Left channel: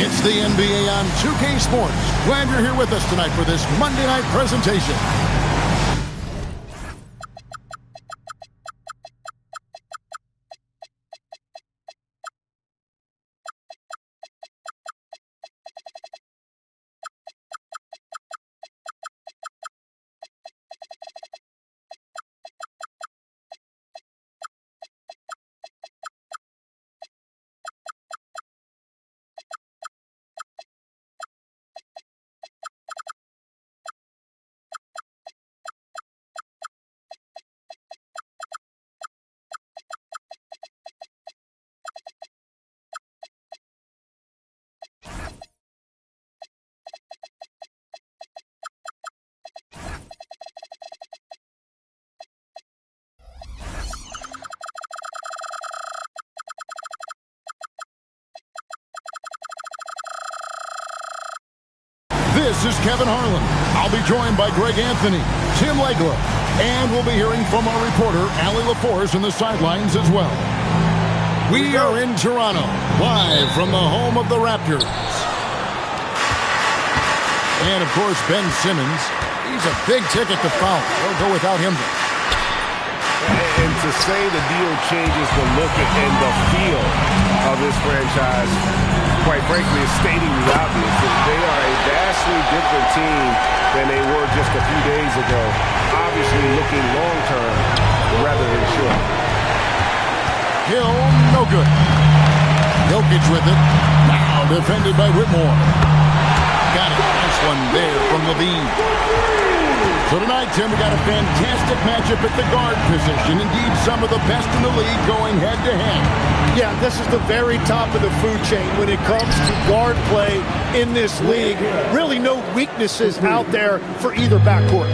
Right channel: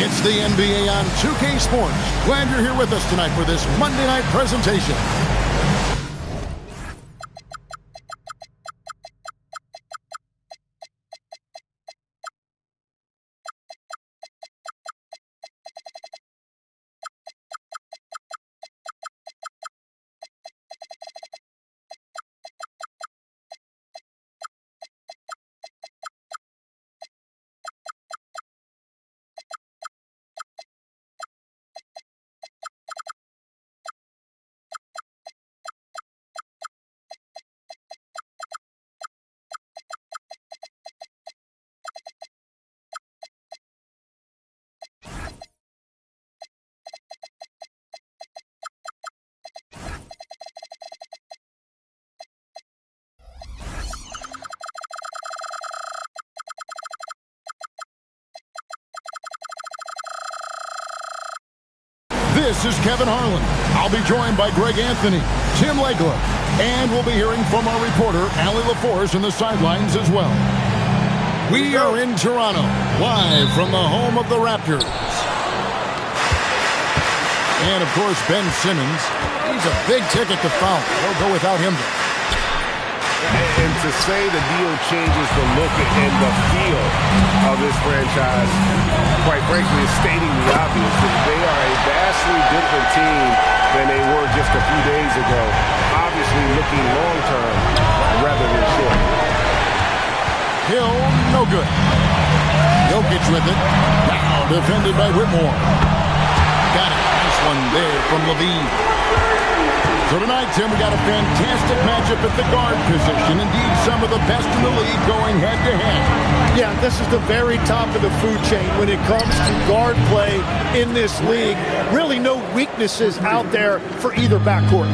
It's the NBA on 2K Sports. Glad you're here with us tonight for this Monday night presentation. This is Kevin Harlan. I'll be joined by Greg Anthony, Tim Legler, and we'll be hearing from our reporter, Allie LaForce, in the sidelines as well. We are in Toronto, live from the home of the Raptors. And, of course, Ben Simmons. He's a big ticket to foul. They'll go without him, though. And to say the deal changes the look and the feel of this franchise, quite frankly, is stating the obvious. They are a vastly different team than they were just a few days ago. Obviously looking long-term rather than short. Hill, no good. Jokic with it. Now defended by Whitmore. Got it. Nice one there from Levine. So tonight, Tim, we got a fantastic matchup at the guard position. Indeed, some of the best in the league going head-to-head. Yeah, this is the very top of the food chain when it comes to guard play in this league. Really no weaknesses out there for either backcourt.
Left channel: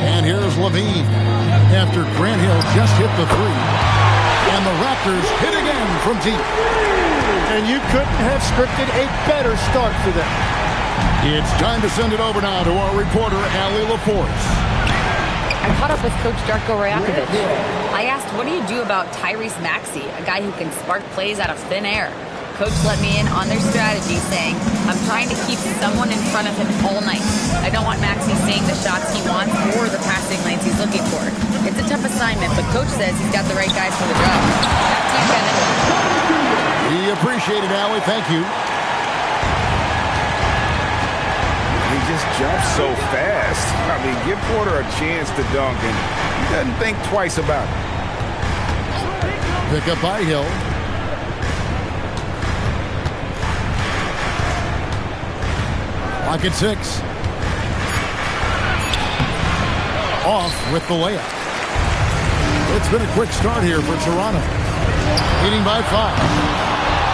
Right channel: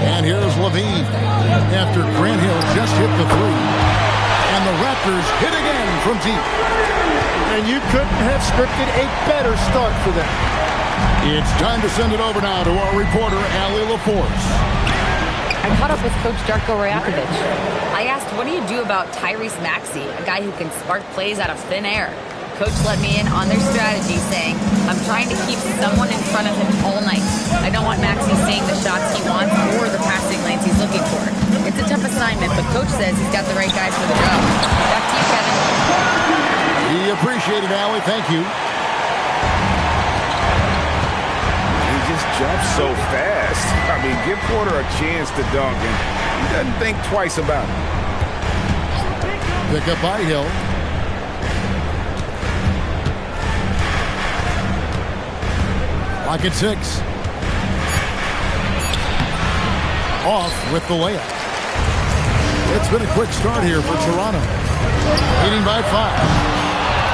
And here's Levine after Grant Hill just hit the three. And the Raptors hit again from deep. And you couldn't have scripted a better start for them. It's time to send it over now to our reporter, Allie LaForce. I caught up with Coach Darko Rajakovic. I asked, what do you do about Tyrese Maxey, a guy who can spark plays out of thin air? Coach let me in on their strategy, saying, I'm trying to keep someone in front of him all night. I don't want Maxey seeing the shots he wants or the passing lanes he's looking for. It's a tough assignment, but Coach says he's got the right guys for the job. Back to you, Kevin. We appreciate it, Allie. Thank you. He just jumps so fast. I mean, give Porter a chance to dunk, and he doesn't think twice about it. Pick up by Hill. Clock at 6. Off with the layup. It's been a quick start here for Toronto. Leading by 5.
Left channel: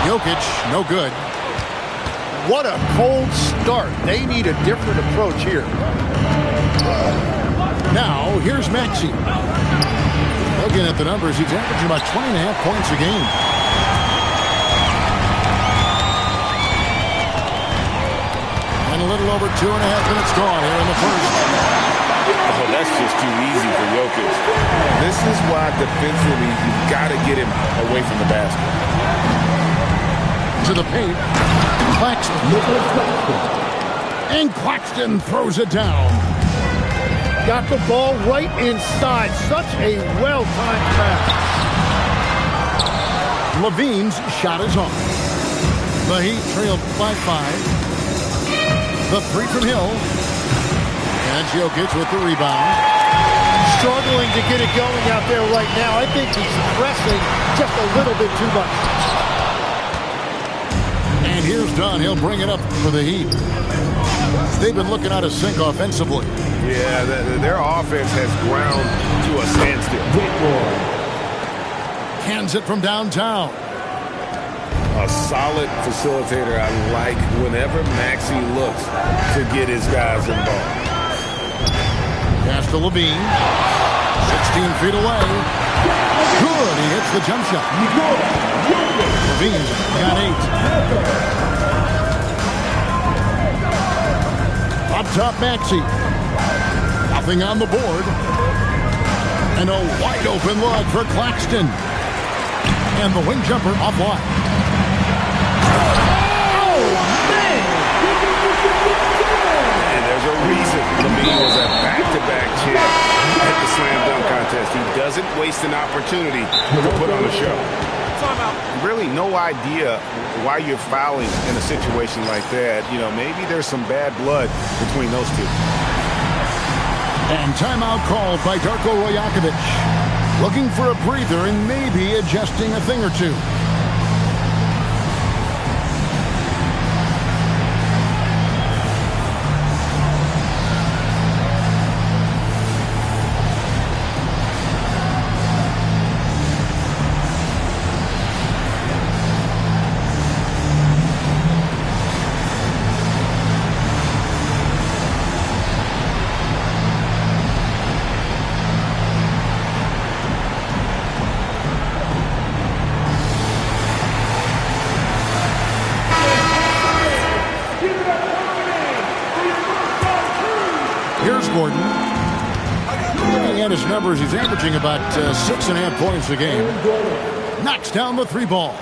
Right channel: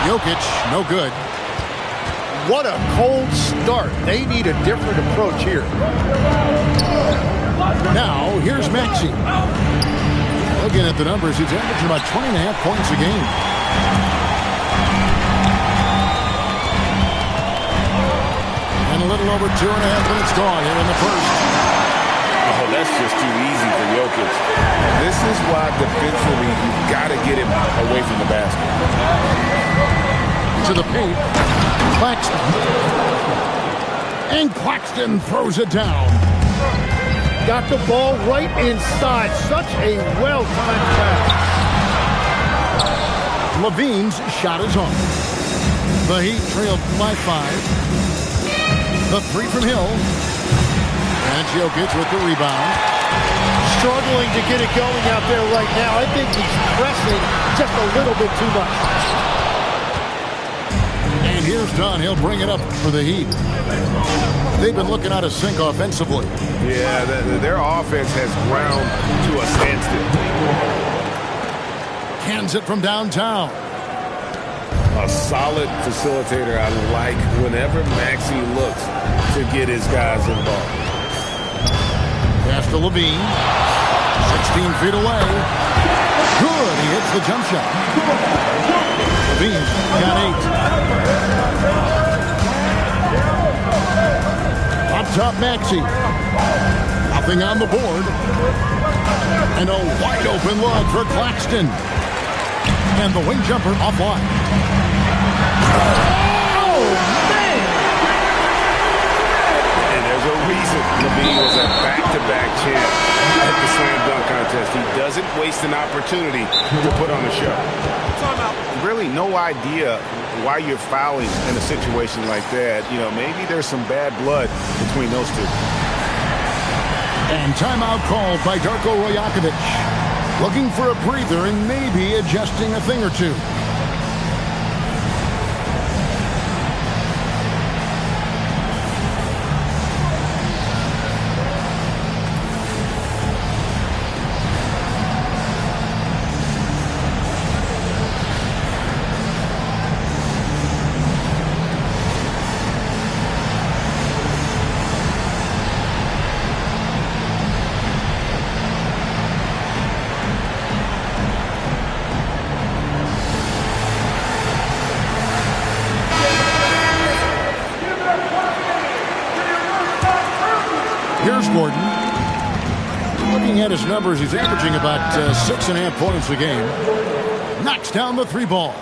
Jokic, no good. What a cold start. They need a different approach here. Now, here's Maxey. Looking at the numbers, he's averaging about 20.5 points a game. And a little over 2.5 minutes gone here in the first. Oh, that's just too easy for Jokic. This is why defensively you've got to get him away from the basket. To the paint. Claxton. And Claxton throws it down. Got the ball right inside. Such a well-timed pass. Levine's shot is on. The Heat trailed by 5. The three from Hill. And Jokic with the rebound. Struggling to get it going out there right now. I think he's pressing just a little bit too much. And here's Dunn. He'll bring it up for the Heat. They've been looking out of sync offensively. Yeah, their offense has ground to a standstill. Cans it from downtown. A solid facilitator. I like whenever Maxey looks to get his guys involved. Pass to Levine. 16 feet away. Good. He hits the jump shot. Levine's got 8. Up top, Maxey. Nothing on the board. And a wide open look for Claxton. And the wing jumper offline. Oh, man! And there's a reason Levine was a back-to-back champ at the slam dunk contest. He doesn't waste an opportunity to put on a show. Really no idea why you're fouling in a situation like that. You know, maybe there's some bad blood between those two. And timeout called by Darko Rajakovic. Looking for a breather and maybe adjusting a thing or two. Here's Gordon. Looking at his numbers, he's averaging about 6.5 points a game. Knocks down the three ball.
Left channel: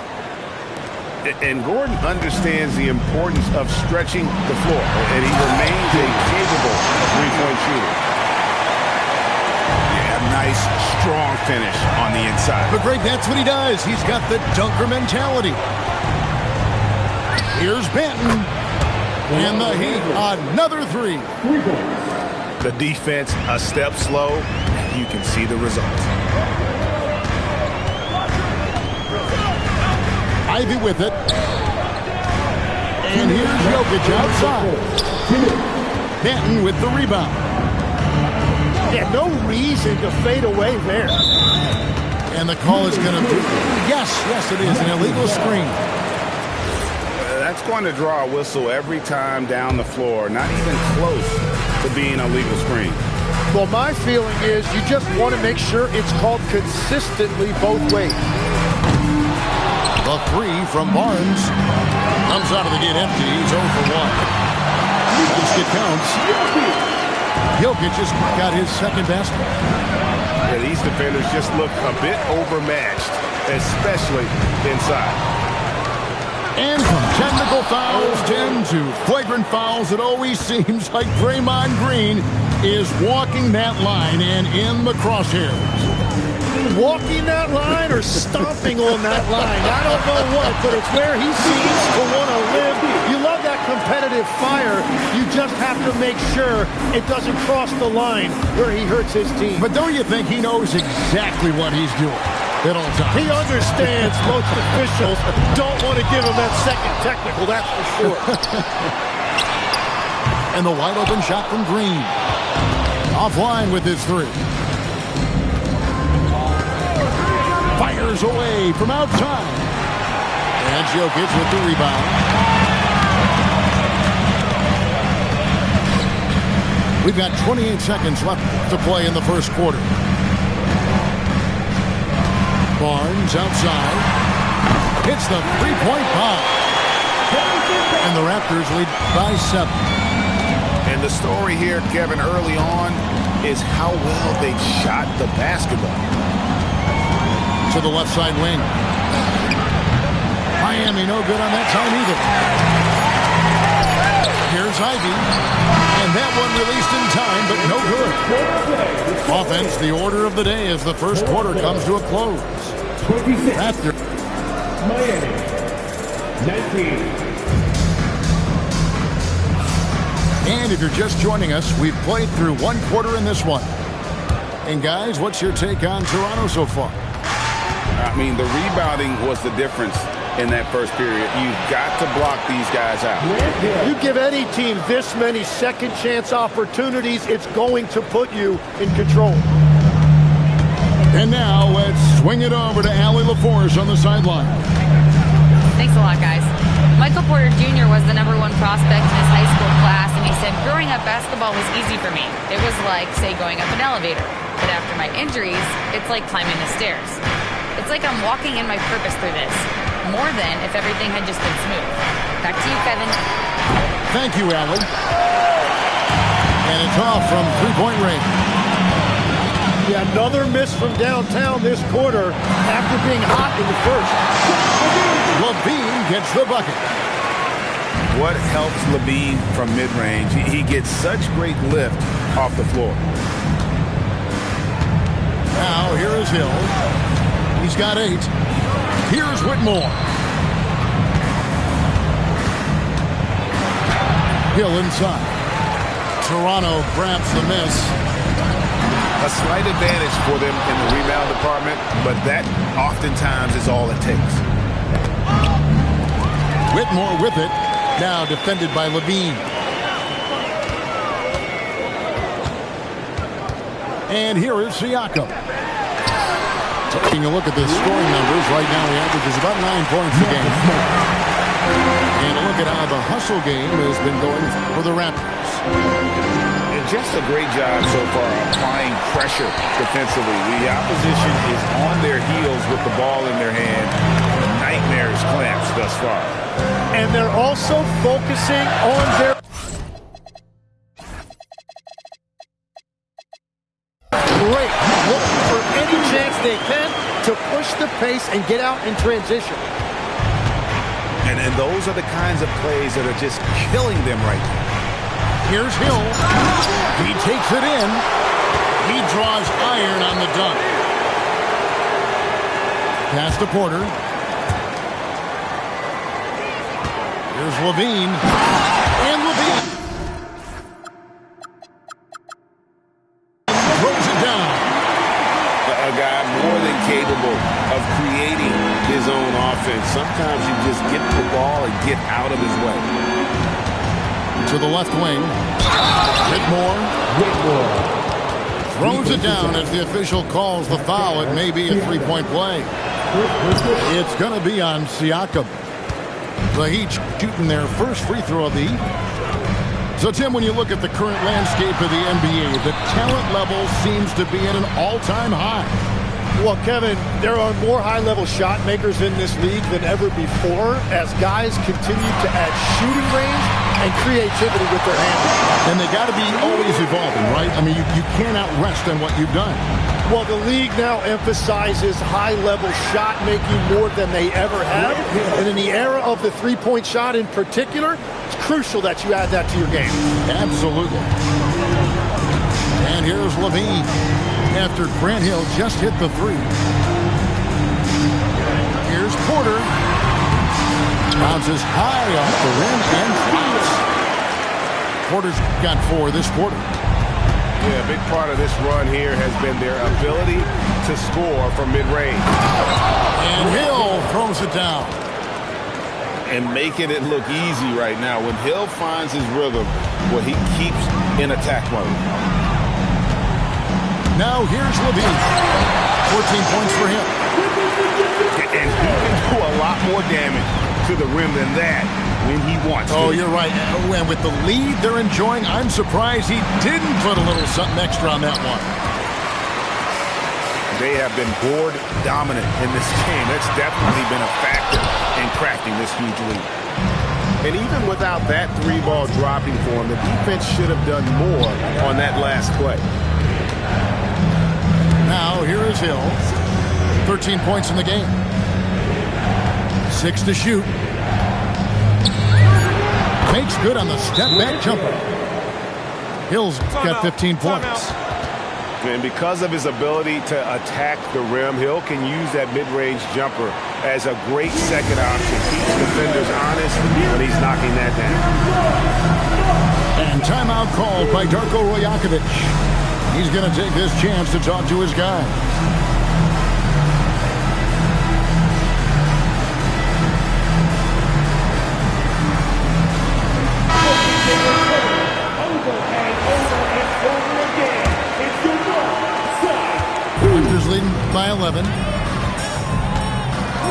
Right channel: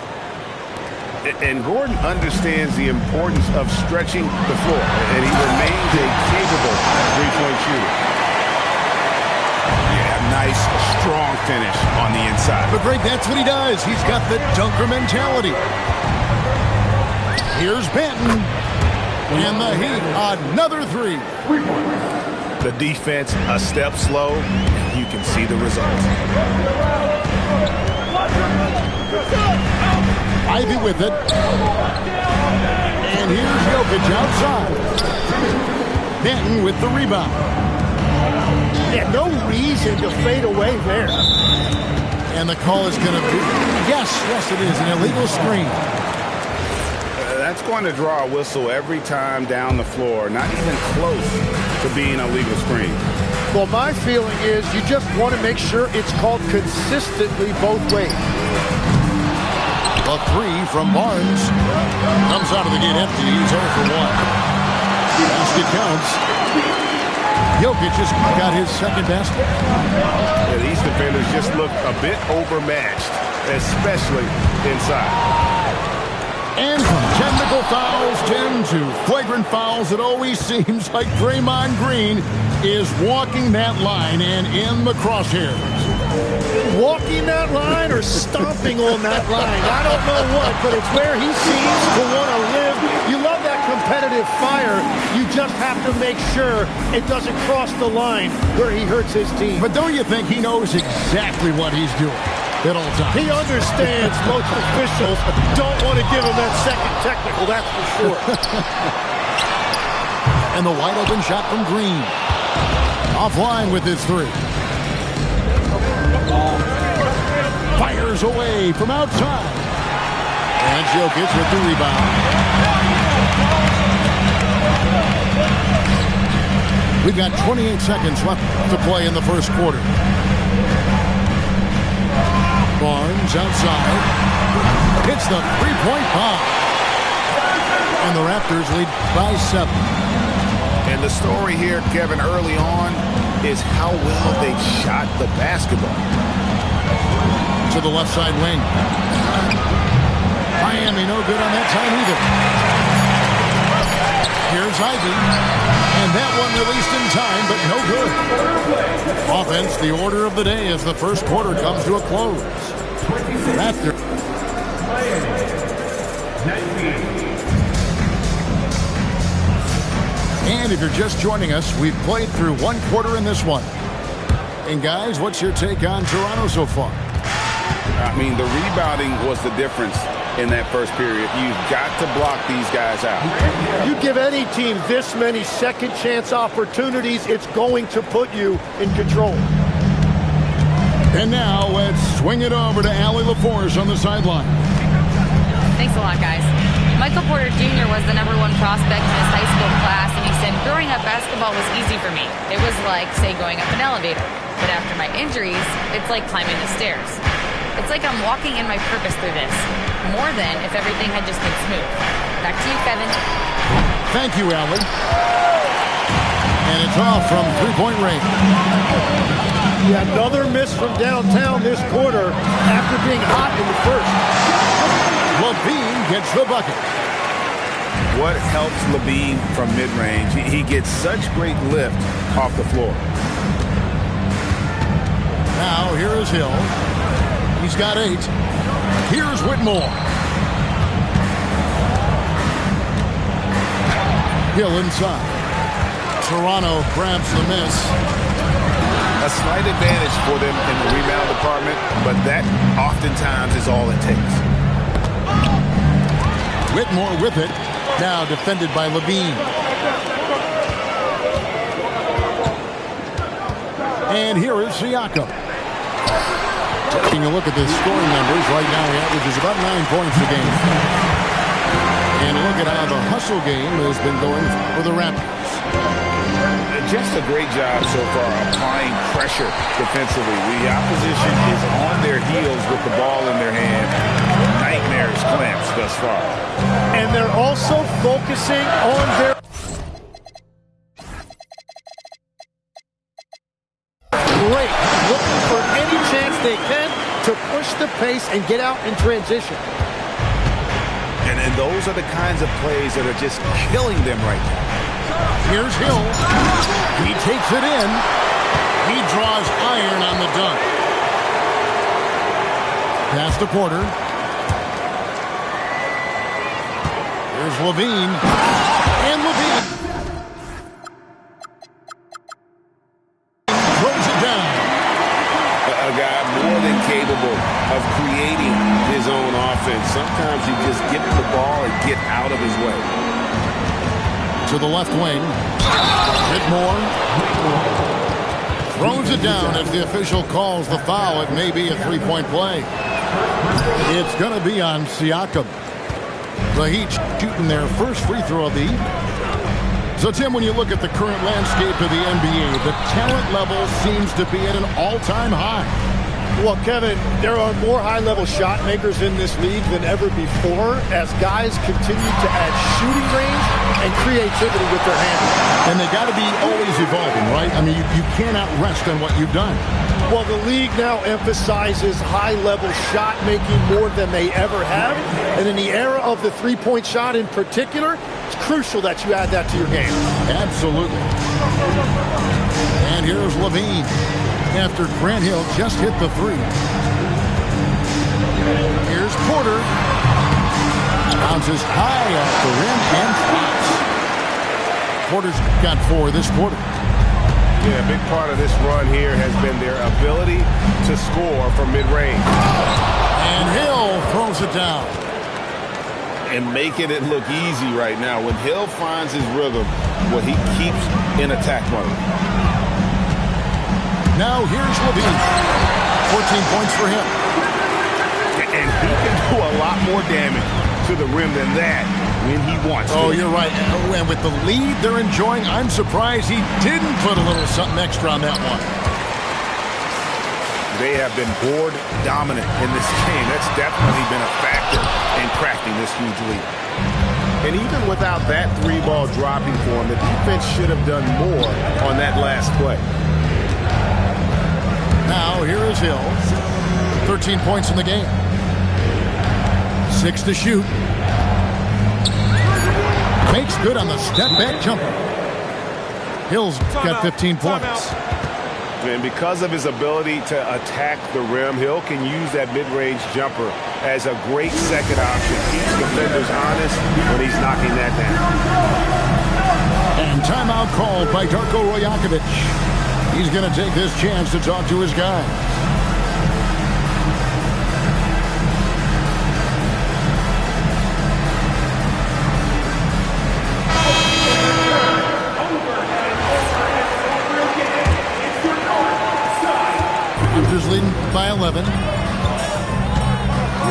And Gordon understands the importance of stretching the floor, and he remains a capable three-point shooter. Yeah, nice, strong finish on the inside. But Greg, that's what he does. He's got the dunker mentality. Here's Benton. And the Heat, another three. The defense a step slow, you can see the results. Ivy with it. And here's Jokic outside. Benton with the rebound. Yeah, no reason to fade away there. And the call is going to be, yes, it is, an illegal screen. That's going to draw a whistle every time down the floor, not even close to being a legal screen. Well, my feeling is you just want to make sure it's called consistently both ways. The three from Barnes comes out of the gate empty. He's 0 for 1. Basket counts. Jokic just got his second basket. Yeah, these defenders just look a bit overmatched, especially inside. And from technical fouls, 10 to flagrant fouls, it always seems like Draymond Green is walking that line and in the crosshairs. Walking that line or stomping on that line. I don't know what, but it's where he seems to want to live. You love that competitive fire. You just have to make sure it doesn't cross the line where he hurts his team. But don't you think he knows exactly what he's doing at all times? He understands most officials don't want to give him that second technical, that's for sure. And the wide open shot from Green. Offline with his three. Fires away from outside. And Jokic with the rebound. We've got 28 seconds left to play in the first quarter. Barnes outside. Hits the three-point bomb. And the Raptors lead by 7. And the story here, Kevin, early on is how well they shot the basketball. To the left side wing. Miami no good on that time either. Here's Ivy. And that one released in time, but no good. Offense, the order of the day as the first quarter comes to a close. Raptors. Miami, 19. And if you're just joining us, we've played through one quarter in this one. And guys, what's your take on Toronto so far? I mean, the rebounding was the difference in that first period. You've got to block these guys out. You give any team this many second chance opportunities, it's going to put you in control. And now let's swing it over to Allie LaForce on the sideline. Thanks a lot, guys. Michael Porter Jr. was the #1 prospect in his high school class, and he said, growing up, basketball was easy for me. It was like, say, going up an elevator. But after my injuries, it's like climbing the stairs. It's like I'm walking in my purpose through this, more than if everything had just been smooth. Back to you, Kevin. Thank you, Allie. And it's off from three-point range. Yeah, another miss from downtown this quarter after being hot in the first. LaVine gets the bucket. What helps LaVine from mid-range? He gets such great lift off the floor. Now here is Hill. He's got 8. Here's Whitmore. Hill inside. Toronto grabs the miss. A slight advantage for them in the rebound department, but that oftentimes is all it takes. Whitmore with it. Now defended by LaVine. And here is Siakam. Taking a look at the scoring numbers, right now he averages about 9 points a game. And look at how the hustle game has been going for the Raptors. Just a great job so far applying pressure defensively. The opposition is on their heels with the ball in their hand. Nightmares clamps thus far. And they're also focusing on their... Great. Looking for any chance they can to push the pace and get out in transition. And those are the kinds of plays that are just killing them right now. Here's Hill. He takes it in. He draws iron on the dunk. Pass to Porter. Here's LaVine. And LaVine throws it down. A guy more than capable of creating his own offense. Sometimes you just get the ball and get out of his way. To the left wing. Whitmore throws it down as the official calls the foul. It may be a three-point play. It's going to be on Siakam. The Heat shooting their first free throw of the evening. So, Tim, when you look at the current landscape of the NBA, the talent level seems to be at an all-time high. Well, Kevin, there are more high-level shot makers in this league than ever before as guys continue to add shooting range and creativity with their handle. And they got to be always evolving, right? I mean, you cannot rest on what you've done. Well, the league now emphasizes high-level shot making more than they ever have. And in the era of the three-point shot in particular, it's crucial that you add that to your game. Absolutely. And here's LaVine after Grant Hill just hit the three. Here's Porter. Bounces high off the rim and drops. Porter's got 4 this quarter. Yeah, a big part of this run here has been their ability to score from mid-range. And Hill throws it down. And making it look easy right now. When Hill finds his rhythm, well, he keeps in attack mode. Now here's LaVine. 14 points for him. And he can do a lot more damage to the rim than that when he wants to. Oh, you're right. And with the lead they're enjoying, I'm surprised he didn't put a little something extra on that one. They have been board dominant in this game. That's definitely been a factor in crafting this huge lead. And even without that 3-ball dropping for him, the defense should have done more on that last play. Now here is Hill. 13 points in the game. 6 to shoot. Makes good on the step-back jumper. Hill's got 15 points. And because of his ability to attack the rim, Hill can use that mid-range jumper as a great second option. Keeps defenders honest when he's knocking that down. And timeout called by Darko Rajakovic. He's going to take this chance to talk to his guys. Raptors leading by 11.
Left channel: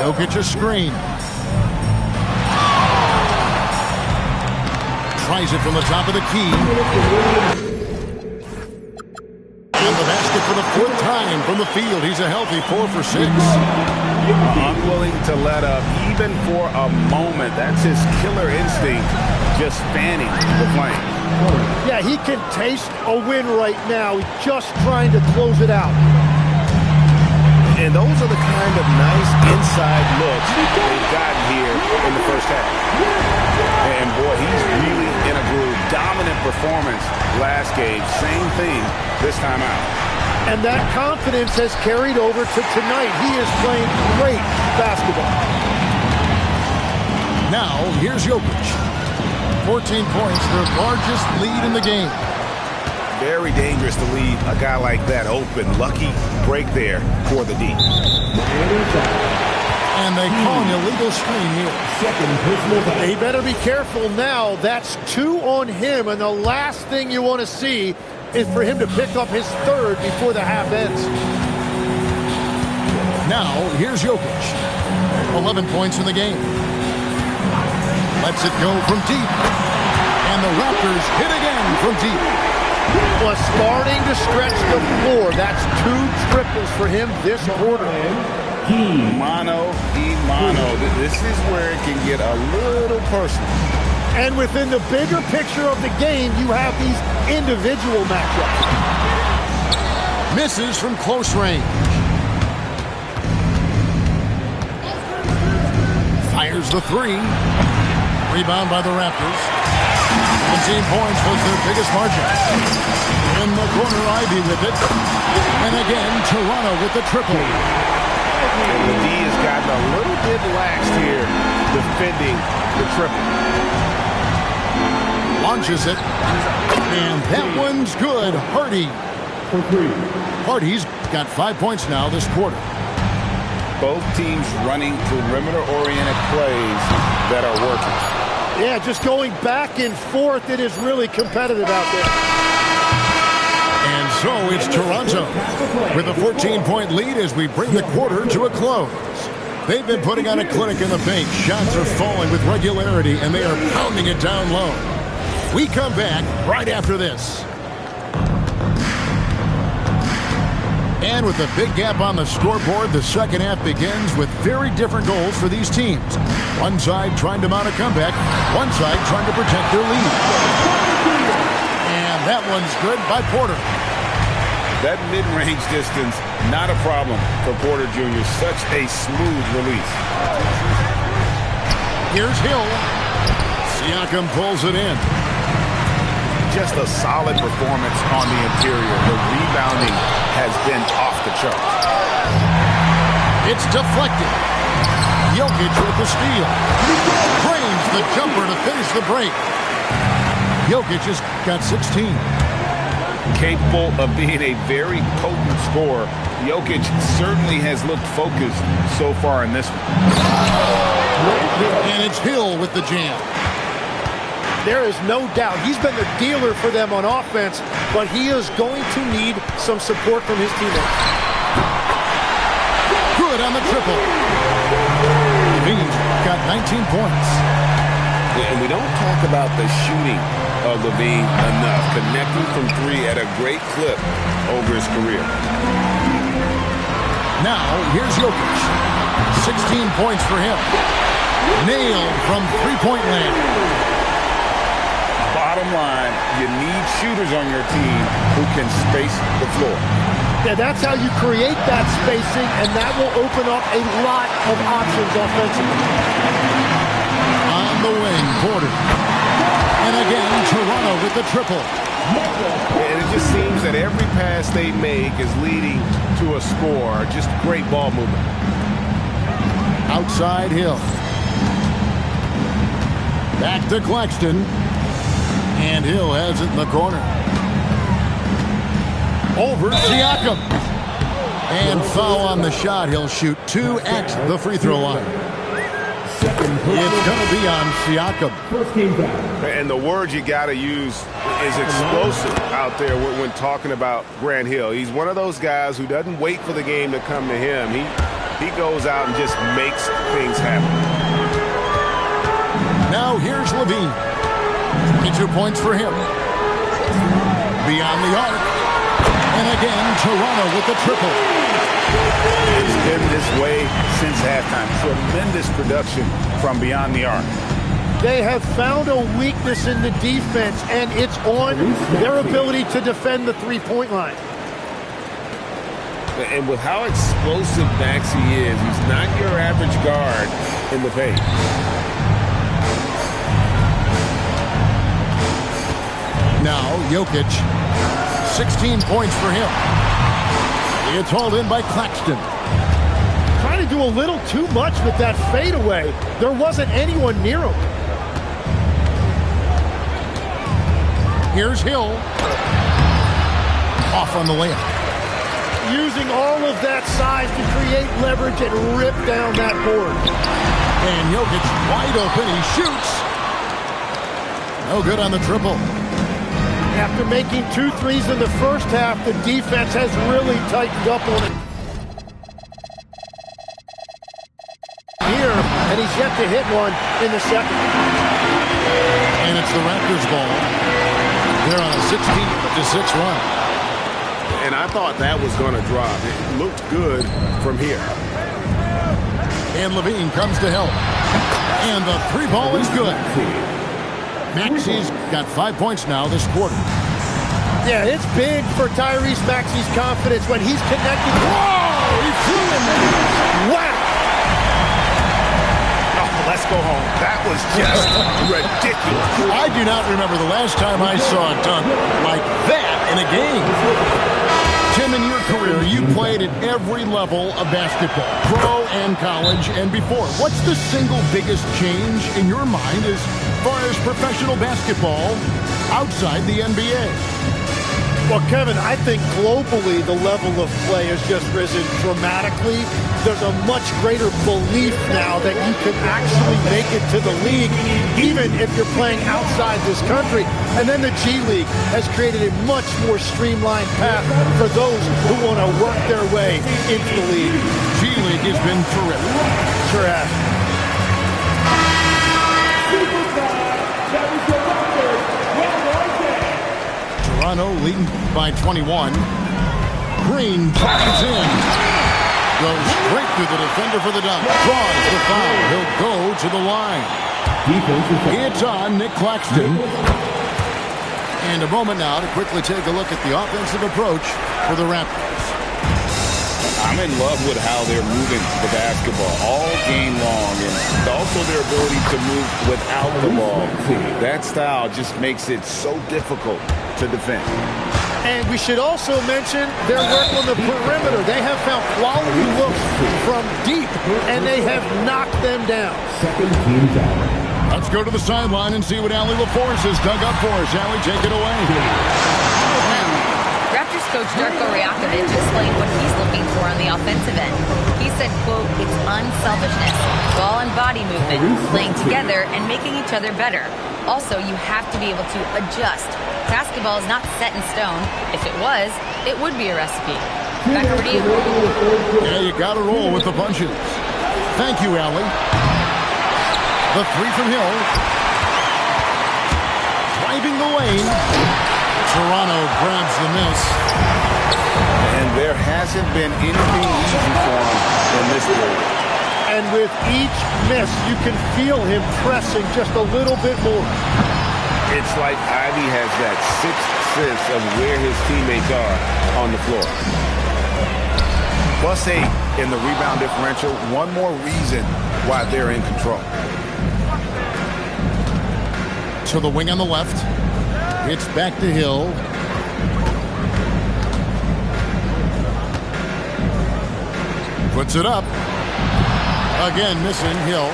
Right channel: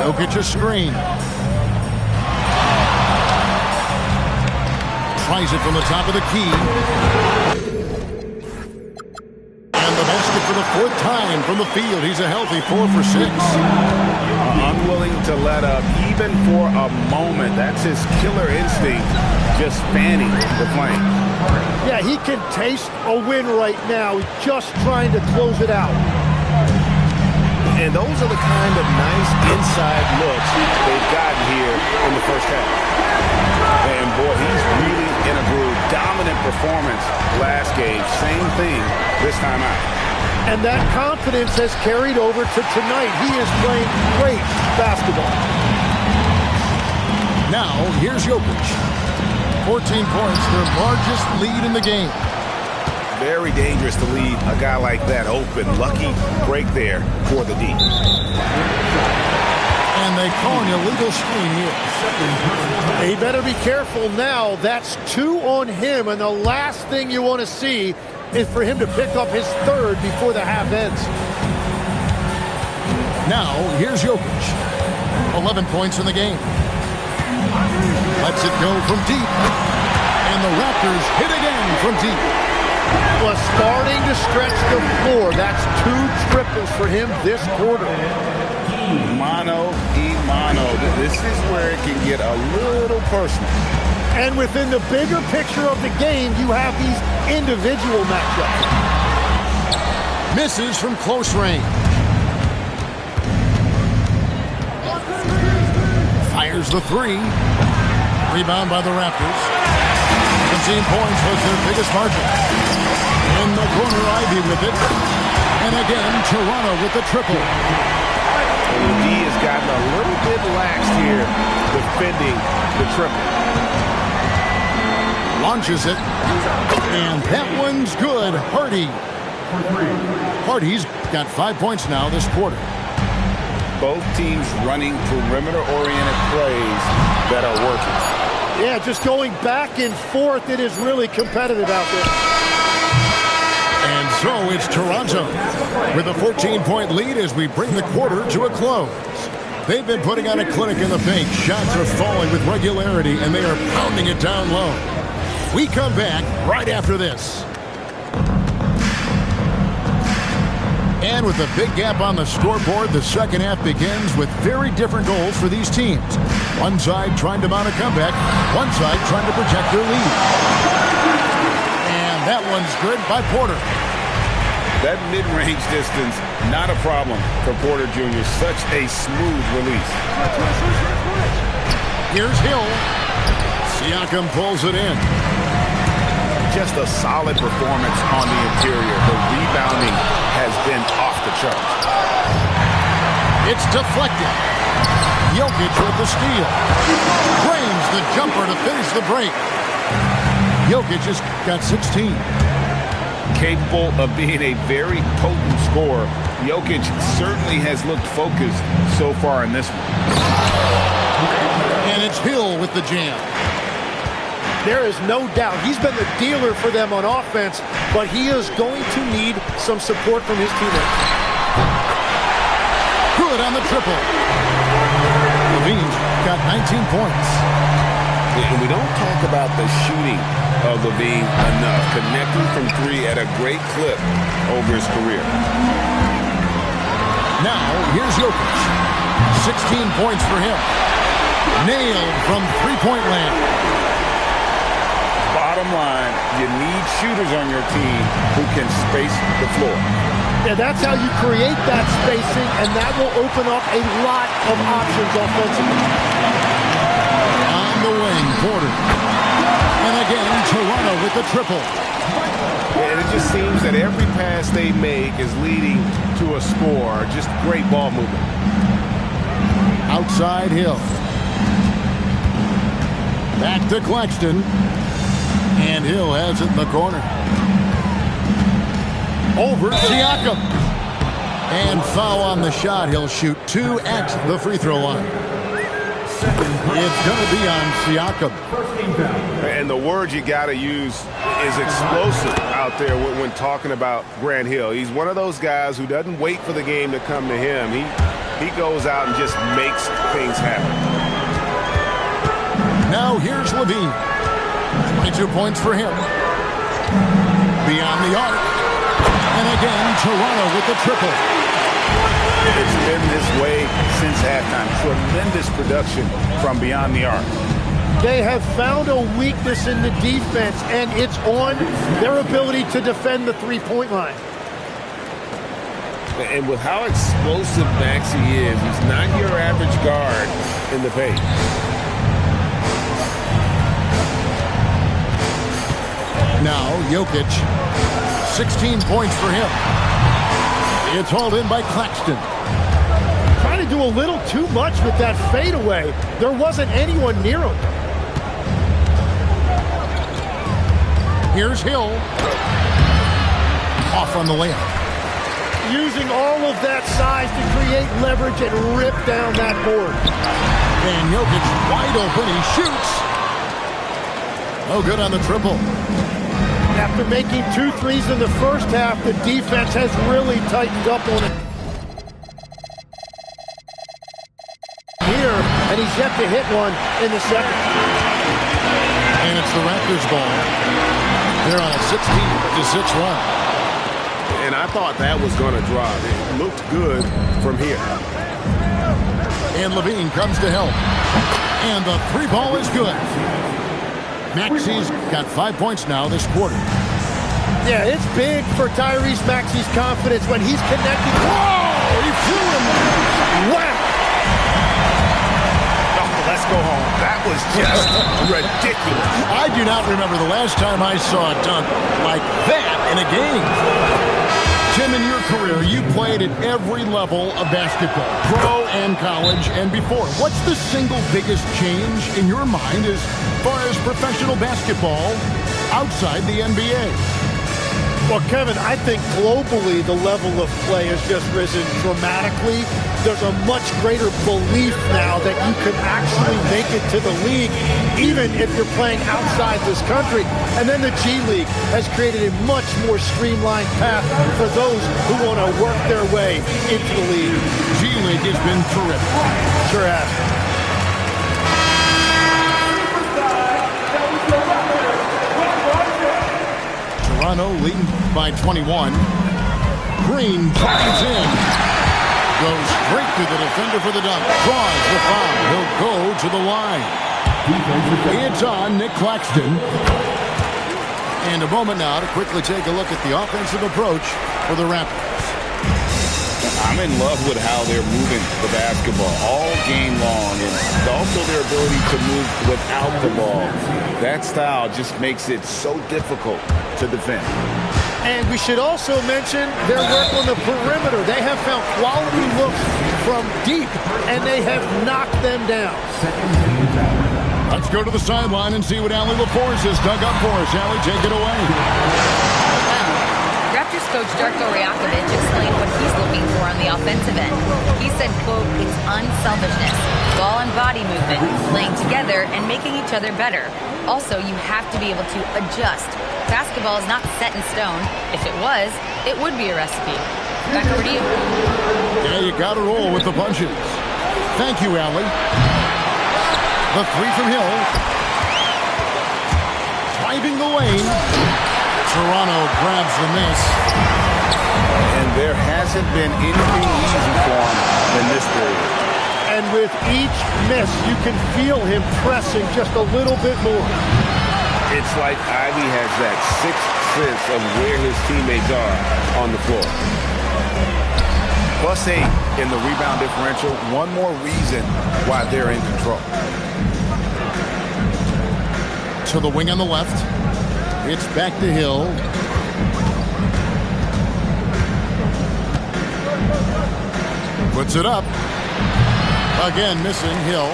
Jokic a screen. Tries it from the top of the key. And the basket for the 4th time from the field. He's a healthy 4 for 6. Unwilling to let up even for a moment. That's his killer instinct, just fanning the flames. Yeah, he can taste a win right now. He's just trying to close it out. And those are the kind of nice inside looks they've gotten here in the first half. And, boy, he's really in a groove. Dominant performance last game. Same thing this time out. And that confidence has carried over to tonight. He is playing great basketball. Now, here's Jokic. 14 points, their largest lead in the game. Very dangerous to leave a guy like that open. Lucky break there for the D. And they call an illegal screen here. They better be careful now. That's 2 on him, and the last thing you want to see is for him to pick up his third before the half ends. Now, here's Jokic. 11 points in the game. Lets it go from deep. And the Raptors hit again from deep. Was starting to stretch the floor. That's 2 triples for him this quarter. Mano y mano. This is where it can get a little personal. And within the bigger picture of the game, you have these individual matchups. Misses from close range. Fires the 3. Rebound by the Raptors. 17 points was their biggest margin. In the corner, Ivy with it. And again, Toronto with the triple. And the D has gotten a little bit laxed here defending the triple. Launches it. And that one's good. Hardy. Hardy's got 5 points now this quarter. Both teams running perimeter-oriented plays that are working. Yeah, just going back and forth. It is really competitive out there. And so it's Toronto with a 14-point lead as we bring the quarter to a close. They've been putting on a clinic in the paint. Shots are falling with regularity, and they are pounding it down low. We come back right after this. And with a big gap on the scoreboard, the second half begins with very different goals for these teams. One side trying to mount a comeback, one side trying to protect their lead. And that one's good by Porter. That mid-range distance, not a problem for Porter Jr. Such a smooth release. Here's Hill. Siakam pulls it in. Just a solid performance on the interior. The rebounding has been off the charts. It's deflected. Jokic with the steal. Frames the jumper to finish the break. Jokic has got 16. Capable of being a very potent scorer, Jokic certainly has looked focused so far in this one. And it's Hill with the jam. There is no doubt he's been the dealer for them on offense, but he is going to need some support from his teammates. Good on the triple. Levine's got 19 points. And we don't talk about the shooting of Levine enough. Connecting from 3 at a great clip over his career. Now, here's Jokic. 16 points for him. Nailed from three-point land. Bottom line, you need shooters on your team who can space the floor. Yeah, that's how you create that spacing, and that will open up a lot of options offensively. On the wing, Porter. And again, Toronto with the triple. And it just seems that every pass they make is leading to a score. Just great ball movement. Outside Hill. Back to Claxton. And Hill has it in the corner. Over Siakam. And foul on the shot. He'll shoot 2 at the free throw line. It's going to be on Siakam. And the word you got to use is explosive out there when talking about Grant Hill. He's one of those guys who doesn't wait for the game to come to him. He goes out and just makes things happen. Now here's Levine. 22 points for him. Beyond the arc. And again, Toronto with the triple. It's been this way since halftime. Tremendous production from beyond the arc. They have found a weakness in the defense, and it's on their ability to defend the three-point line. And with how explosive Maxey is, he's not your average guard in the paint. Now, Jokic, 16 points for him. It's hauled in by Claxton. Trying to do a little too much with that fadeaway. There wasn't anyone near him. Here's Hill. Off on the layup. Using all of that size to create leverage and rip down that board. And Jokic wide open. He shoots. No good on the triple. After making 2 threes in the first half, the defense has really tightened up on it here, and he's yet to hit one in the second. And it's the Raptors' ball. They're on a 16-6 run. And I thought that was going to drop. It looked good from here. And Levine comes to help. And the 3 ball is good. Maxey's got 5 points now this quarter. Yeah, it's big for Tyrese Maxey's confidence when he's connected. Whoa! He flew in there. Wow! Oh, let's go home. That was just ridiculous. I do not remember the last time I saw a dunk like that in a game. Tim, in your career, you played at every level of basketball, pro and college and before. What's the single biggest change in your mind as far as professional basketball outside the NBA? Well, Kevin, I think globally the level of play has just risen dramatically. There's a much greater belief now that you can actually make it to the league, even if you're playing outside this country. And then the G League has created a much more streamlined path for those who want to work their way into the league. G League has been terrific. Sure has. Toronto leading by 21. Green drives in. Goes straight through the defender for the dunk. Draws the foul. He'll go to the line. It's on Nick Claxton. And a moment now to quickly take a look at the offensive approach for the Raptors. I'm in love with how they're moving the basketball all game long, and also their ability to move without the ball. That style just makes it so difficult to defend. And we should also mention their work on the perimeter. They have found quality looks from deep, and they have knocked them down. Let's go to the sideline and see what Allie LaForce has dug up for us. Allie, take it away. Well, Raptors coach Darko Rajakovic explained what he's looking for on the offensive end. He said, quote, it's unselfishness, ball and body movement, playing together and making each other better. Also, you have to be able to adjust. Basketball is not set in stone. If it was, it would be a recipe. Back over to you. Yeah, you got to roll with the punches. Thank you, Allie. The 3 from Hill. Driving the lane. Toronto grabs the miss. And there hasn't been anything easy for him in this period. And with each miss, you can feel him pressing just a little bit more. It's like Ivy has that sixth sense of where his teammates are on the floor. +8 in the rebound differential. One more reason why they're in control. To the wing on the left. It's back to Hill. Puts it up. Again, missing Hill.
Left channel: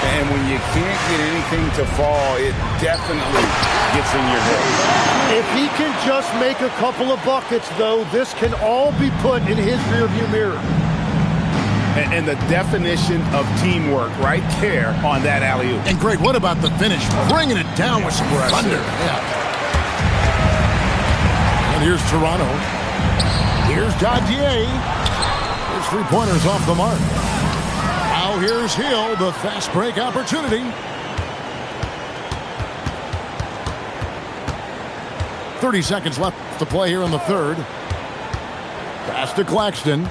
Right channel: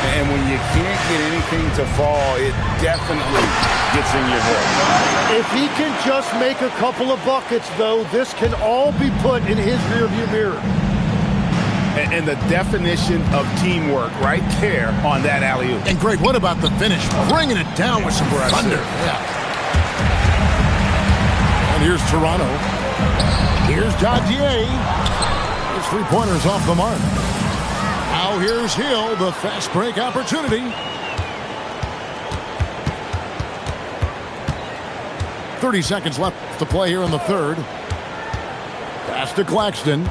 And when you can't get anything to fall, it definitely gets in your head. If he can just make a couple of buckets, though, this can all be put in his rearview mirror. And the definition of teamwork right there on that alley-oop. And Greg, what about the finish? Bringing it down with some thunder. Yeah. And here's Toronto. Here's Dadier. His 3-pointers off the mark. Now here's Hill, the fast break opportunity. 30 seconds left to play here in the third. Pass to Claxton.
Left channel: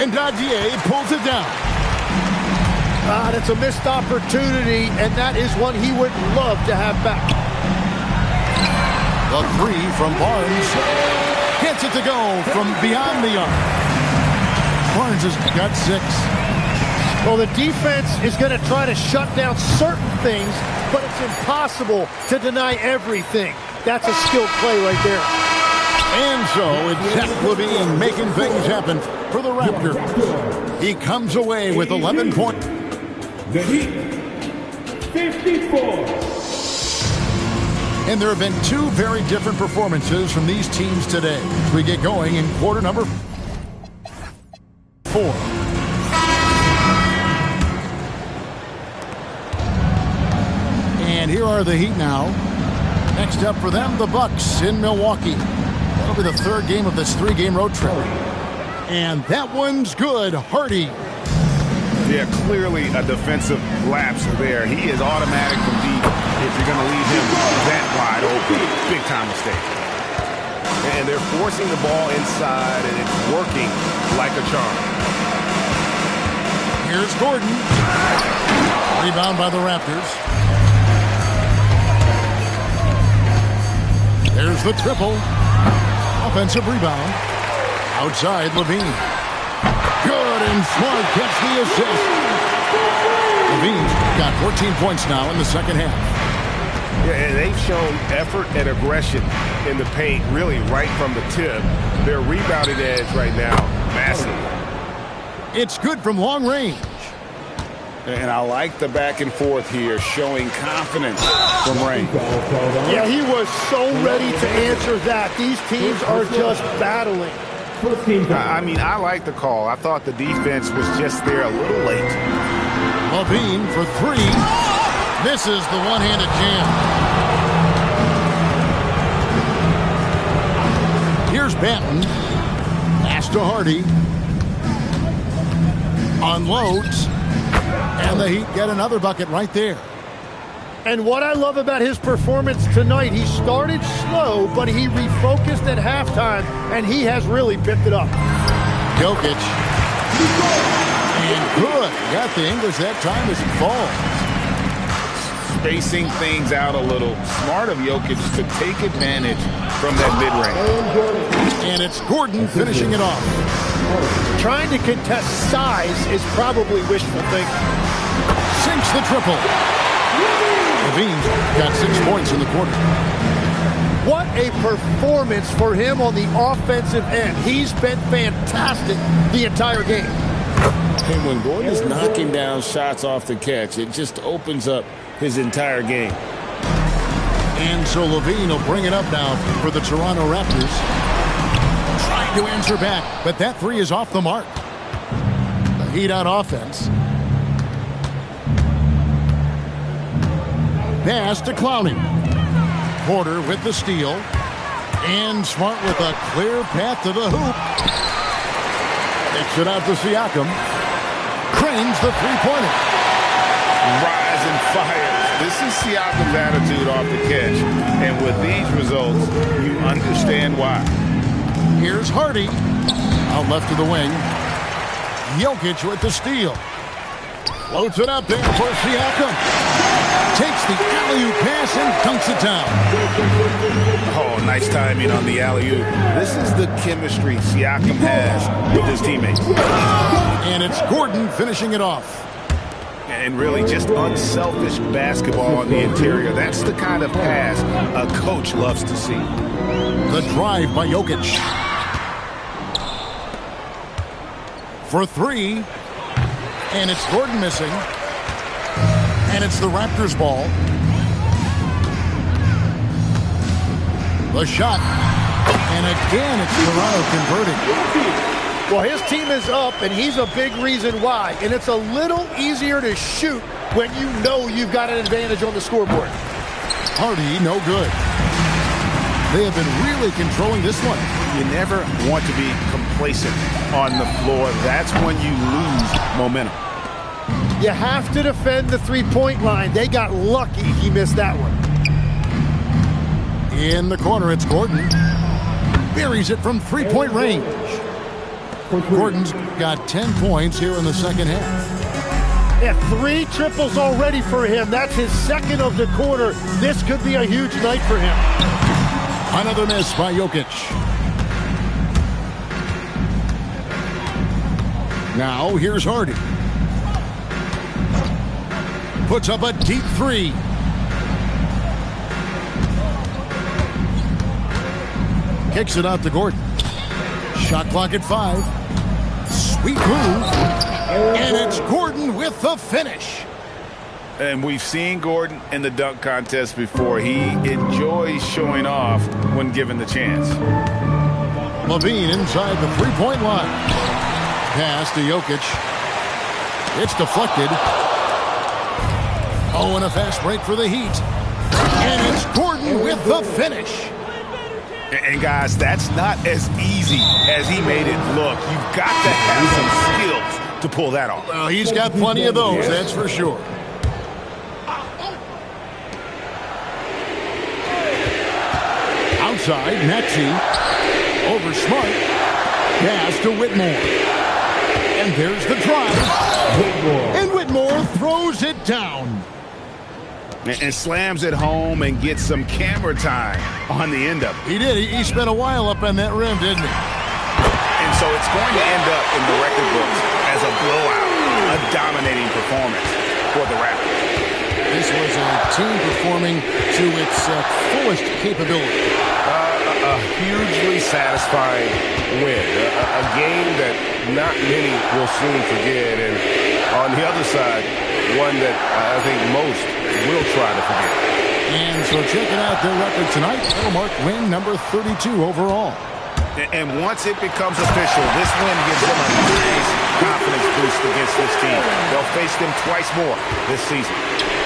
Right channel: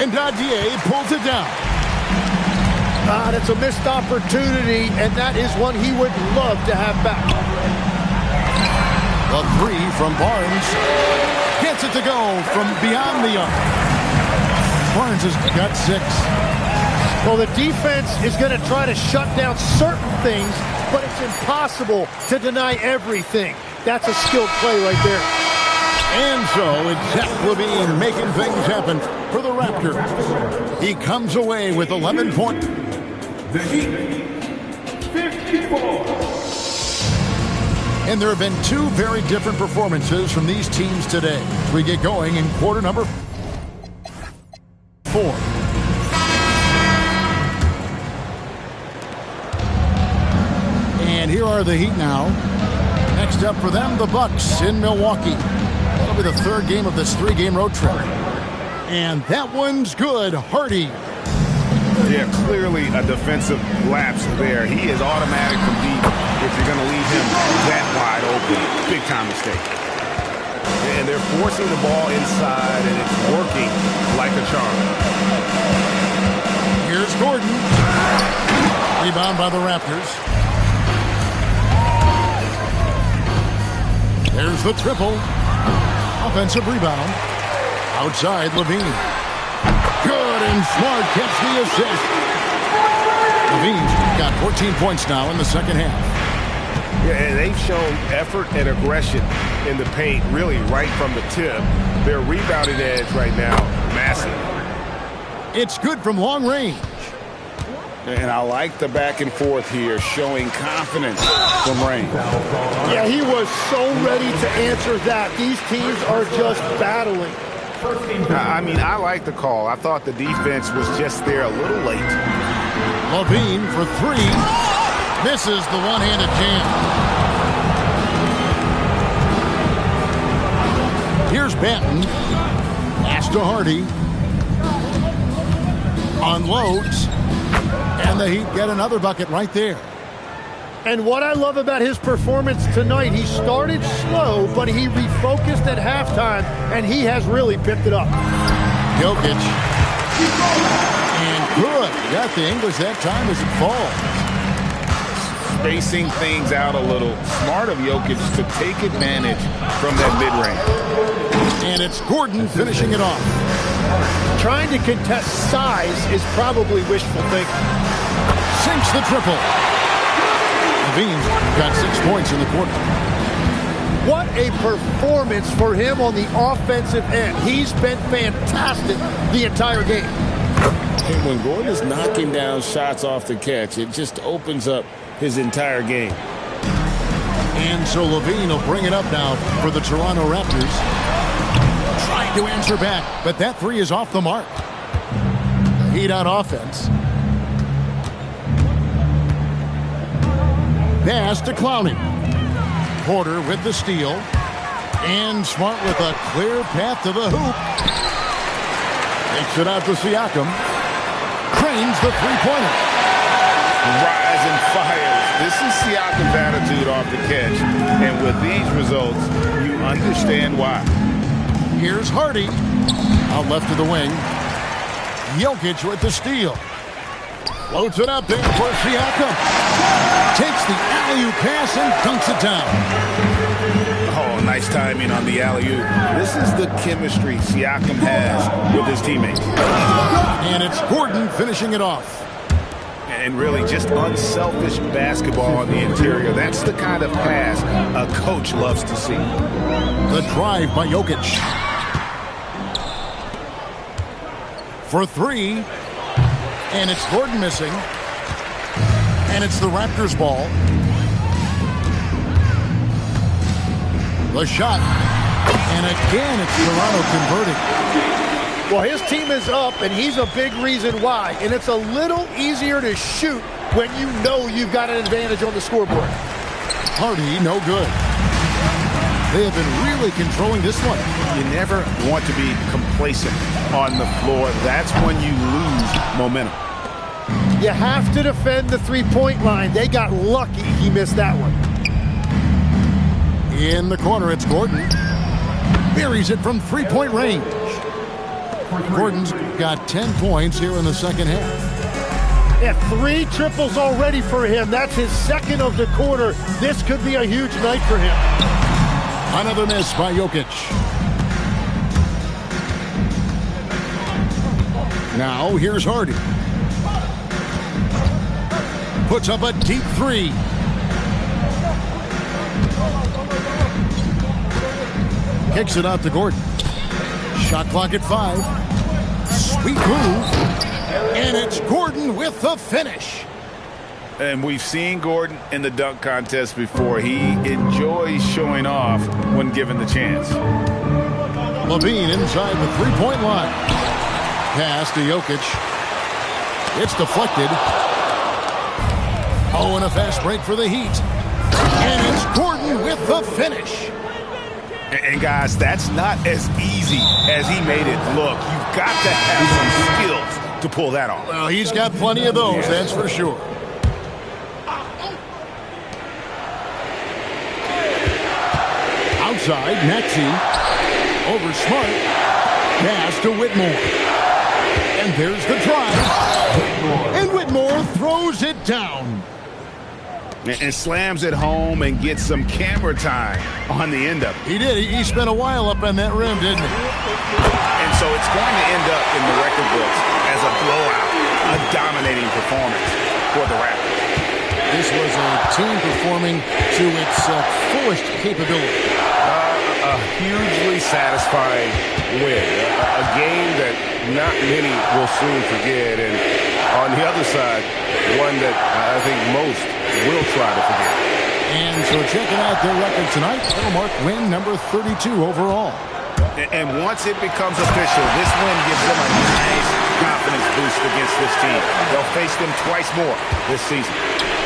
And Dadier pulls it down. That's a missed opportunity, and that is one he would love to have back. The 3 from Barnes. Gets it to go from beyond the arc. Barnes has got 6. Well, the defense is going to try to shut down certain things, but it's impossible to deny everything. That's a skilled play right there. And so it's Zach Levine making things happen for the Raptors. He comes away with 11 points. The Heat, 54. And there have been 2 very different performances from these teams today as we get going in quarter number 4. And here are the Heat now. Next up for them, the Bucks in Milwaukee. That'll be the 3rd game of this 3-game road trip. And that one's good. Hardy. Yeah, clearly a defensive lapse there. He is automatic from deep if you're going to leave him that wide open. Big time mistake. And they're forcing the ball inside, and it's working like a charm. Here's Gordon. Rebound by the Raptors. There's the triple. Offensive rebound. Outside, Levine. Good, and Smart gets the assist. Levine's got 14 points now in the second half. Yeah, and they've shown effort and aggression in the paint, really right from the tip. Their rebounding edge right now, massive. It's good from long range. And I like the back and forth here, showing confidence from range. Yeah, he was so ready to answer that. These teams are just battling. I mean, I like the call. I thought the defense was just there a little late. Levine for 3. Misses the one-handed jam. Here's Banton. Pass to Hardy. Unloads. And the Heat get another bucket right there. And what I love about his performance tonight, he started slow, but he refocused at halftime, and he has really picked it up. Jokic. And good. Got the English that time as it falls. Spacing things out a little. Smart of Jokic to take advantage from that mid-range. And it's Gordon finishing it off. Trying to contest size is probably wishful thinking. Sinks the triple. Levine's got 6 points in the quarter. What a performance for him on the offensive end. He's been fantastic the entire game. And when Gordon is knocking down shots off the catch, it just opens up his entire game. And so Levine will bring it up now for the Toronto Raptors. Trying to answer back, but that 3 is off the mark. The Heat on offense. Pass to Clowney. Porter with the steal. And Smart with a clear path to the hoop. Takes it out to Siakam. Cranes the three-pointer. Rise and fires. This is Siakam's attitude off the catch. And with these results, you understand why. Here's Hardy. Out left to the wing. Jokic with the steal. Floats it up there for Siakam. Takes the alley-oop pass and dunks it down. Oh, nice timing on the alley-oop. This is the chemistry Siakam has with his teammates. And it's Gordon finishing it off. And really just unselfish basketball on the interior. That's the kind of pass a coach loves to see. The drive by Jokic. For 3. And it's Gordon missing. And it's the Raptors' ball. The shot. And again, it's Toronto converting. Well, his team is up, and he's a big reason why. And it's a little easier to shoot when you know you've got an advantage on the scoreboard. Hardy, no good. They have been really controlling this one. You never want to be complacent on the floor. That's when you lose momentum. You have to defend the three-point line. They got lucky he missed that one. In the corner, it's Gordon. Buries it from three-point range. Gordon's got 10 points here in the second half. Yeah, 3 triples already for him. That's his second of the quarter. This could be a huge night for him. Another miss by Jokic. Now here's Hardy. Puts up a deep three. Kicks it out to Gordon. Shot clock at 5. Sweet move. And it's Gordon with the finish. And we've seen Gordon in the dunk contest before. He enjoys showing off when given the chance. Levine inside the three-point line. Pass to Jokic. It's deflected. Oh, and a fast break for the Heat. And it's Gordon with the finish. And guys, that's not as easy as he made it look. You've got to have some skills to pull that off. Well, he's got plenty of those, that's for sure. Outside, Maxey. Over Smart. Pass to Whitmore. And there's the drive. And Whitmore throws it down. And slams it home and gets some camera time on the end of it. He did. He spent a while up on that rim, didn't he? And so it's going to end up in the record books as a blowout, a dominating performance for the Raptors. This was a team performing to its fullest capability. A hugely satisfying win. A game that not many will soon forget. And on the other side, one that I think most will try to forget. And so checking out their record tonight, it'll mark win number 32 overall. And once it becomes official, this win gives them a nice confidence boost against this team. They'll face them twice more this season.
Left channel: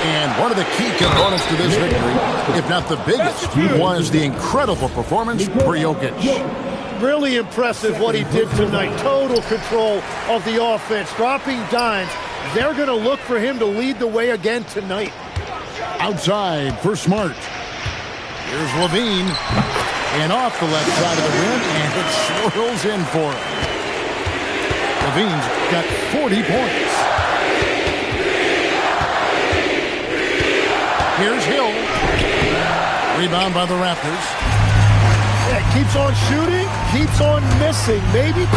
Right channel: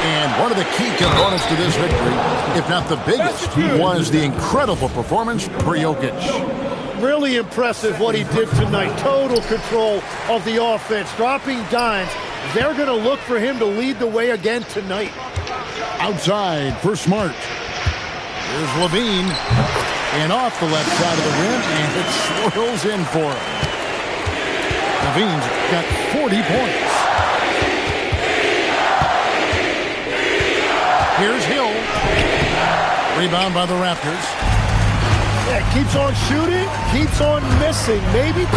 And one of the key components to this victory, if not the biggest, was the incredible performance for Jokic. Really impressive what he did tonight. Total control of the offense, dropping dimes. They're going to look for him to lead the way again tonight. Outside for Smart. Here's Levine. And off the left side of the rim, and it swirls in for him. Levine's got 40 points. Here's Hill. Rebound by the Raptors. Yeah, keeps on shooting, keeps on missing. Maybe. Unreal.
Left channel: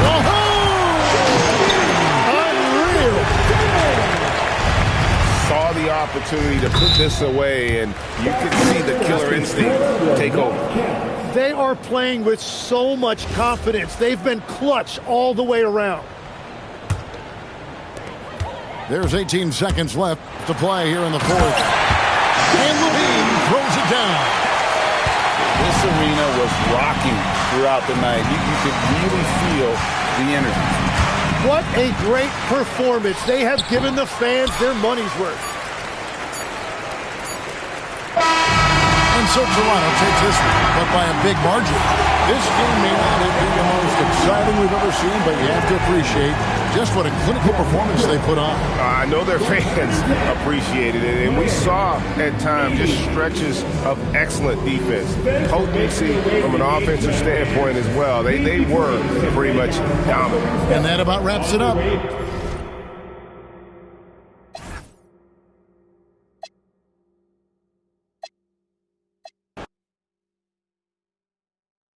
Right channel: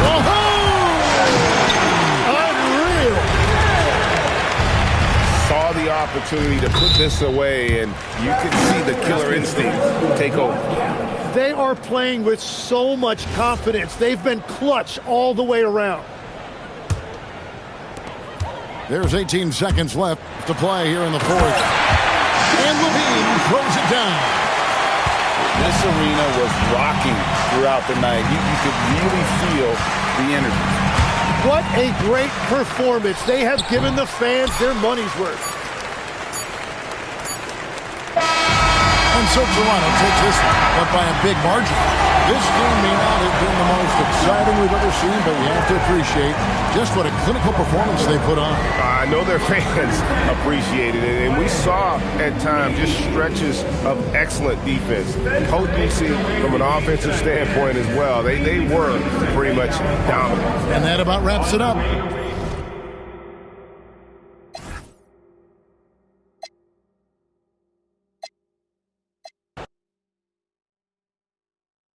Saw the opportunity to put this away, and you can see the killer instinct take over. They are playing with so much confidence. They've been clutch all the way around. There's 18 seconds left to play here in the fourth. And Levine throws it down. This arena was rocking throughout the night. You could really feel the energy. What a great performance. They have given the fans their money's worth. And so Toronto takes this one, but by a big margin. This game may not have been the most exciting we've ever seen, but you have to appreciate just what a clinical performance they put on. I know their fans appreciated it, and we saw at times just stretches of excellent defense, potency from an offensive standpoint as well. They were pretty much dominant. And that about wraps it up.